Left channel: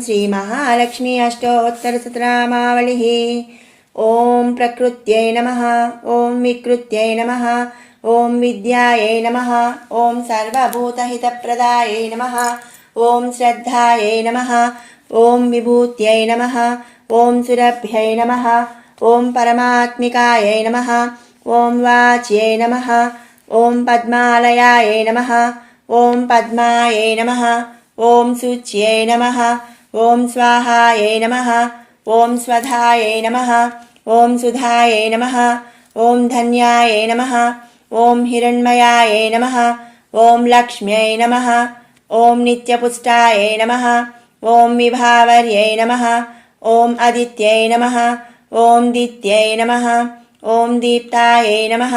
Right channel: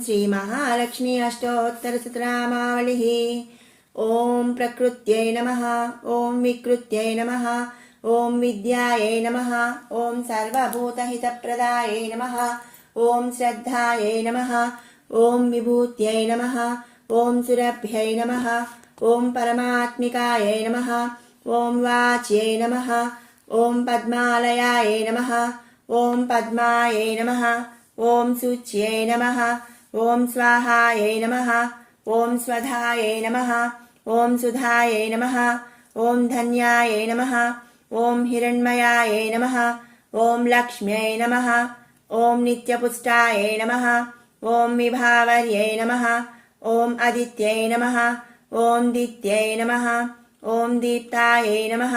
श्रीमहालक्ष्मी अष्टोत्तरशतनामावलिः। ॐ प्रकृत्यै नमः। ॐ विकृत्यै नमः। ॐ विद्यायै नमः। ॐ सर्वभूतहितप्रदायै नमः। ॐ श्रद्धायै नमः। ॐ विभूत्यै नमः। ॐ सुरभ्यै नमः। ॐ परमात्मिकायै नमः। ॐ वाच्यै नमः। ॐ पद्मालयायै नमः। ॐ पद्मायै नमः। ॐ शुच्यै नमः। ॐ स्वाहायै नमः। ॐ स्वधायै नमः। ॐ सुधायै नमः। ॐ धन्यायै नमः। ॐ हिरण्मयायै नमः। ॐ लक्ष्म्यै नमः। ॐ नित्यपुष्टायै नमः। ॐ विभावर्यै नमः। ॐ अदित्यै नमः। ॐ दित्यै नमः। ॐ दीप्तायै नमः।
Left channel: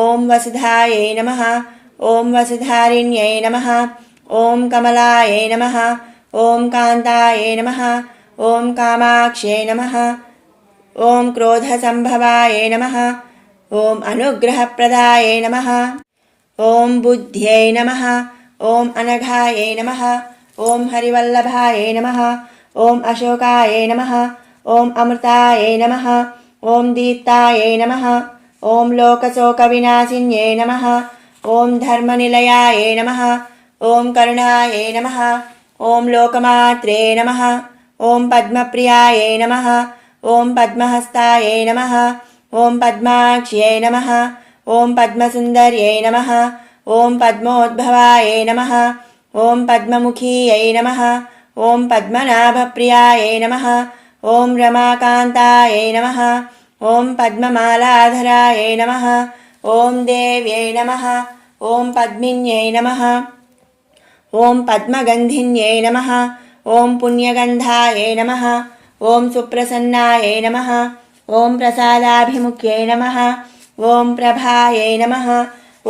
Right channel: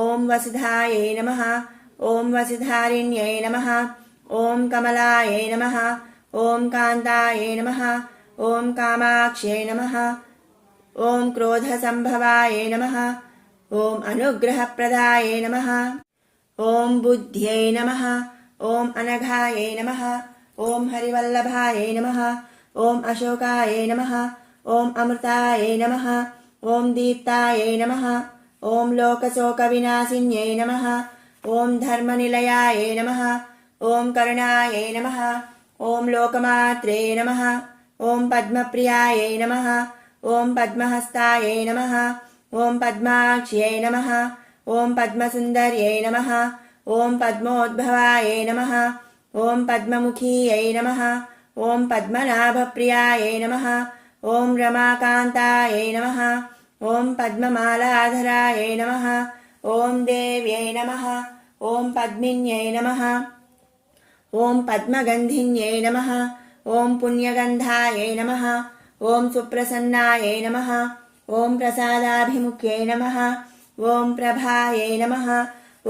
ॐ वसुधायै नमः। ॐ वसुधारिण्यै नमः। ॐ कमलायै नमः। ॐ कान्तायै नमः। ॐ कामाक्ष्यै नमः। ॐ क्रोधसम्भवायै नमः। ॐ अनुग्रहप्रदायै नमः। ॐ बुद्ध्यै नमः। ॐ अनघायै नमः। ॐ हरिवल्लभायै नमः। ॐ अशोकायै नमः। ॐ अमृतायै नमः। ॐ दीप्तायै नमः। ॐ लोकशोकविनाशिन्यै नमः। ॐ धर्मनिलयायै नमः। ॐ करुणायै नमः। ॐ लोकमात्रे नमः। ॐ पद्मप्रियायै नमः। ॐ पद्महस्तायै नमः। ॐ पद्माक्ष्यै नमः। ॐ पद्मसुन्दर्यै नमः। ॐ पद्मोद्भवायै नमः। ॐ पद्ममुखीयै नमः। ॐ पद्मनाभप्रियायै नमः। ॐ रमाकान्तायै नमः। ॐ पद्ममालाधरायै नमः। ॐ देव्यै नमः। ॐ पद्मिन्यै नमः। ॐ पद्मगन्धिन्यै नमः। ॐ पुण्यगन्धायै नमः। ॐ सुप्रसन्नायै नमः। ॐ प्रसादाभिमुख्यै नमः। ॐ प्रभायै नमः।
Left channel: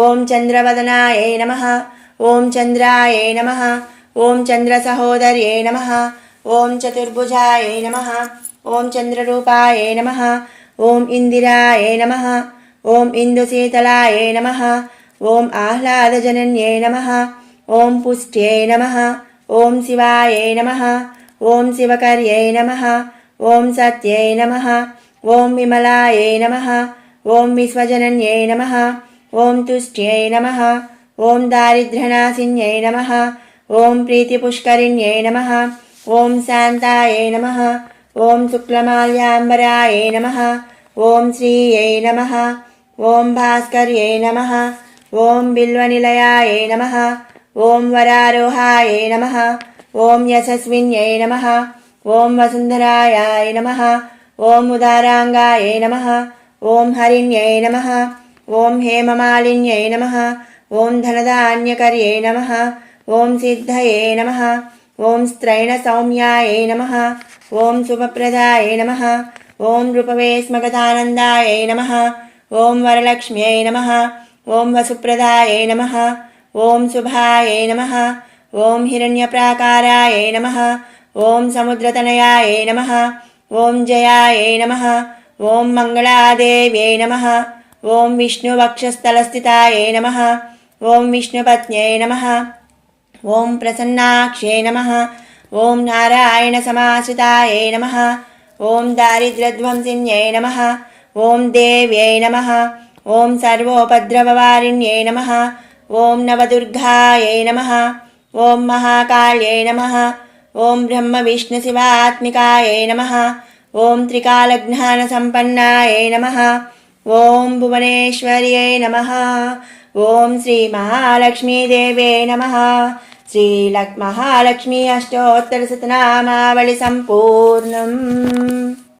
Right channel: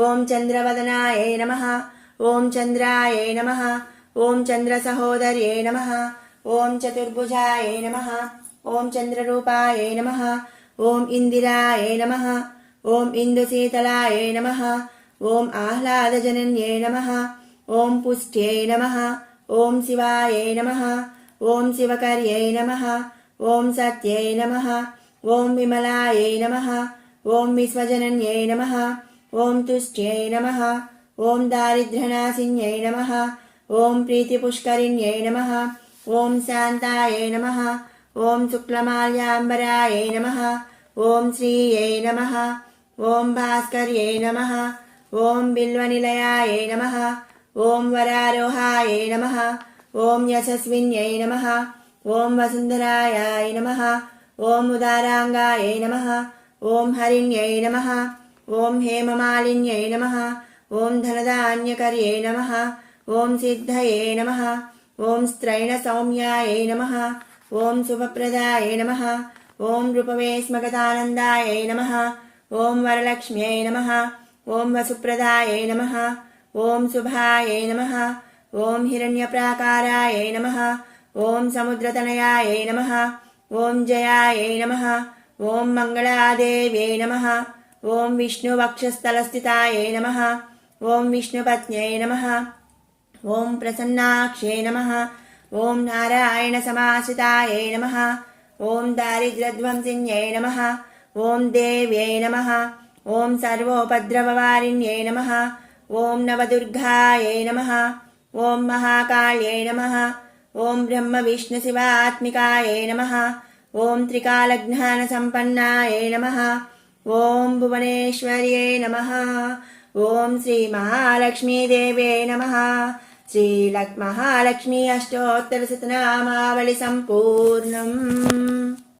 ॐ चन्द्रवदनायै नमः। ॐ चन्द्रायै नमः। ॐ चन्द्रसहोदर्यै नमः। ॐ चतुर्भुजायै नमः। ॐ चन्द्ररूपायै नमः। ॐ इन्दिरायै नमः। ॐ इन्दुशीतलायै नमः। ॐ आह्लादजनन्यै नमः। ॐ पुष्ट्यै नमः। ॐ शिवायै नमः। ॐ शिवकर्यै नमः। ॐ सत्यै नमः। ॐ विमलायै नमः। ॐ विश्वजनन्यै नमः। ॐ तुष्ट्यै नमः। ॐ दारिद्र्यनाशिन्यै नमः। ॐ प्रीतिपुष्करिण्यै नमः। ॐ शान्तायै नमः। ॐ शुक्लमाल्याम्बरायै नमः। ॐ श्रियै नमः। ॐ भास्कर्यै नमः। ॐ बिल्वनिलयायै नमः। ॐ वरारोहायै नमः। ॐ यशस्विन्यै नमः। ॐ वसुन्धरायै नमः। ॐ उदाराङ्गायै नमः। ॐ हरिण्यै नमः। ॐ हेममालिन्यै नमः। ॐ धनधान्यकर्यै नमः। ॐ सिद्धये नमः। ॐ स्त्रैणसौम्यायै नमः। ॐ शुभप्रदायै नमः। ॐ रूपवेस्मगतानन्दायै नमः। ॐ वरलक्ष्म्यै नमः। ॐ वसुप्रदायै नमः। ॐ शुभायै नमः। ॐ हिरण्यप्राकारायै नमः। ॐ समुद्रतनयायै नमः। ॐ जयायै नमः। ॐ मङ्गलादेव्यै नमः। ॐ विष्णुवक्षस्थलस्थितायै नमः। ॐ विष्णुपत्न्यै नमः। ॐ प्रसन्नाक्ष्यै नमः। ॐ नारायणसमाश्रितायै नमः। ॐ दारिद्र्यध्वंसिन्यै नमः। ॐ देव्यै नमः। ॐ सर्वोपद्रववारिण्यै नमः। ॐ नवदुर्गायै नमः। ॐ महाकाल्यै नमः। ॐ ब्रह्मविष्णुशिवात्मिकायै नमः। ॐ त्रिकालज्ञानसम्पन्नायै नमः। ॐ भुवनेश्वर्यै नमः। ॐ श्रीमहालक्ष्मीदेव्यै नमः। श्रीमहालक्ष्मी अष्टोत्तरशतनामावळि सम्पूर्णम्।